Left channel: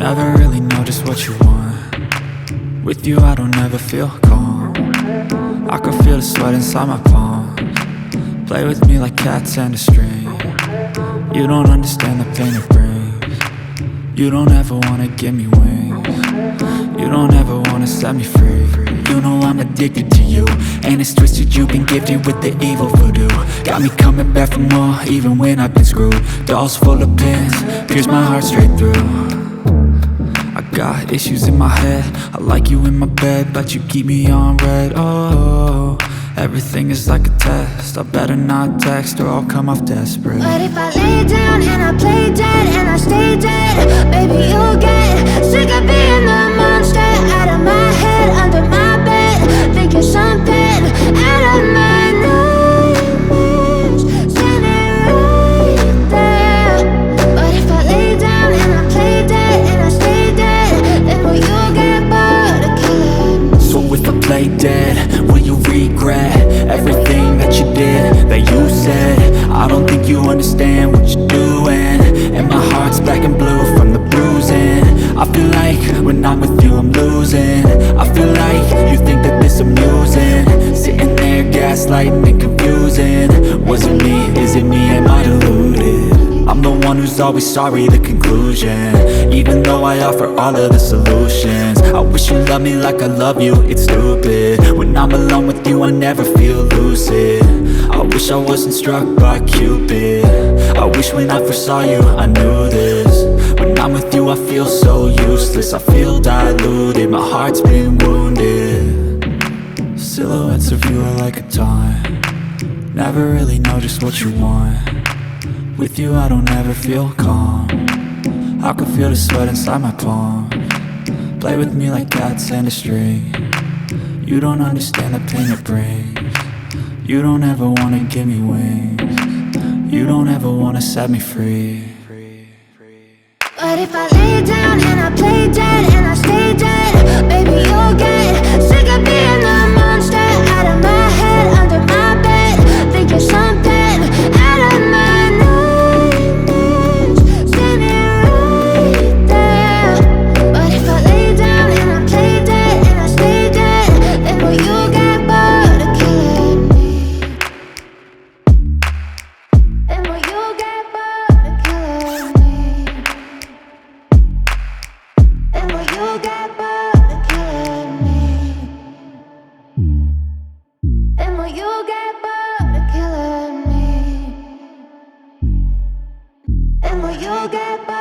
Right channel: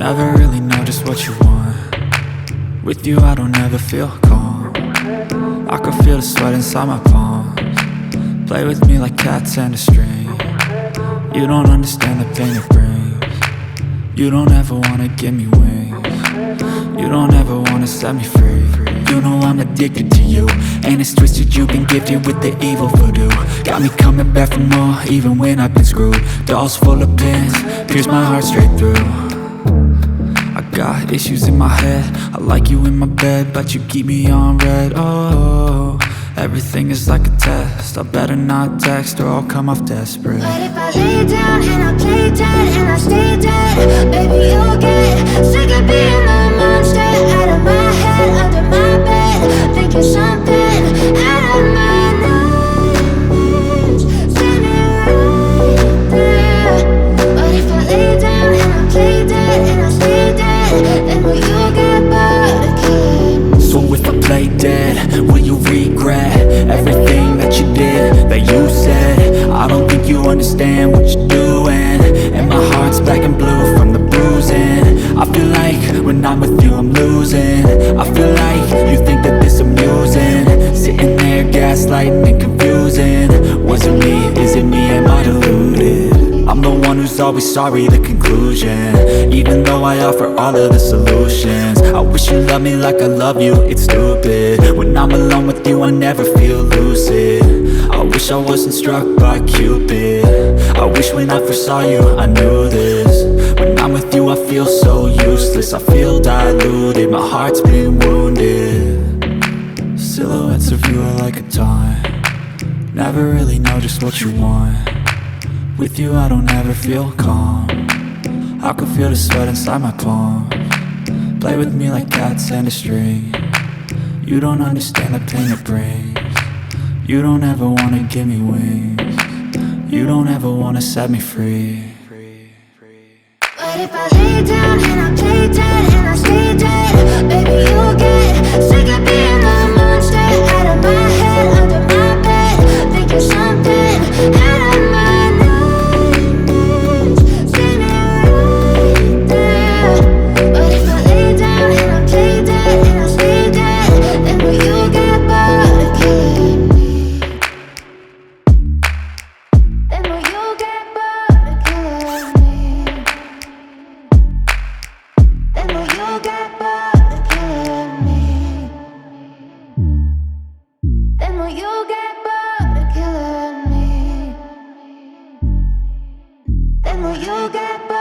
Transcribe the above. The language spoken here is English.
Never really know just what you want. With you I don't ever feel calm. I can feel the sweat inside my palms. Play with me like cats and a string. You don't understand the pain it brings. You don't ever wanna give me wings. You don't ever wanna set me free. You know I'm addicted to you, and it's twisted, you've been gifted with the evil voodoo. Got me coming back for more, even when I've been screwed. Dolls full of pins, pierce my heart straight through. I got issues in my head, I like you in my bed, but you keep me on red. Oh, everything is like a test, I better not text or I'll come off desperate. But if I lay down and I play dead and I stay dead, baby you'll get sick of being the monster out of my head, under my bed, thinking something out of my nightmares, standing right there. But if I lay down and I play dead and I stay dead, then will you get bored of killing me? So if I play dead, will you regret everything that you did, that you said? I don't think you understand what you're doing, and my heart's black and blue from the bruising. I feel like when I'm with you I'm losing. I feel like you think that this amusing, sitting there gaslighting and confusing. Was it me? Is it me? Am I deluded? I'm the one who's always sorry, the conclusion, even though I offer all of the solutions. I wish you loved me like I love you, it's stupid. When I'm alone with you I never feel lucid. I wish I wasn't struck by Cupid. I wish when I first saw you I knew this. When I'm with you I feel so useless, I feel diluted, my heart's been wounded. Silhouettes of you are like a taunt. Never really know just what you want. With you I don't ever feel calm. I can feel the sweat inside my palms. Play with me like cats and a string. You don't understand the pain it brings. You don't ever wanna give me wings. You don't ever wanna set me free. But if I lay down and I play dead and I stay dead, baby you'll get sick of being the monster out of my head, under my bed, thinking something out of my nightmares, standing right there. But if I lay down and I play dead and I stay dead, then will you get bored of killing me? Then will you get bored of killing me? And will you get bored of killing me? And will you get bored of killing me? And will you get bored?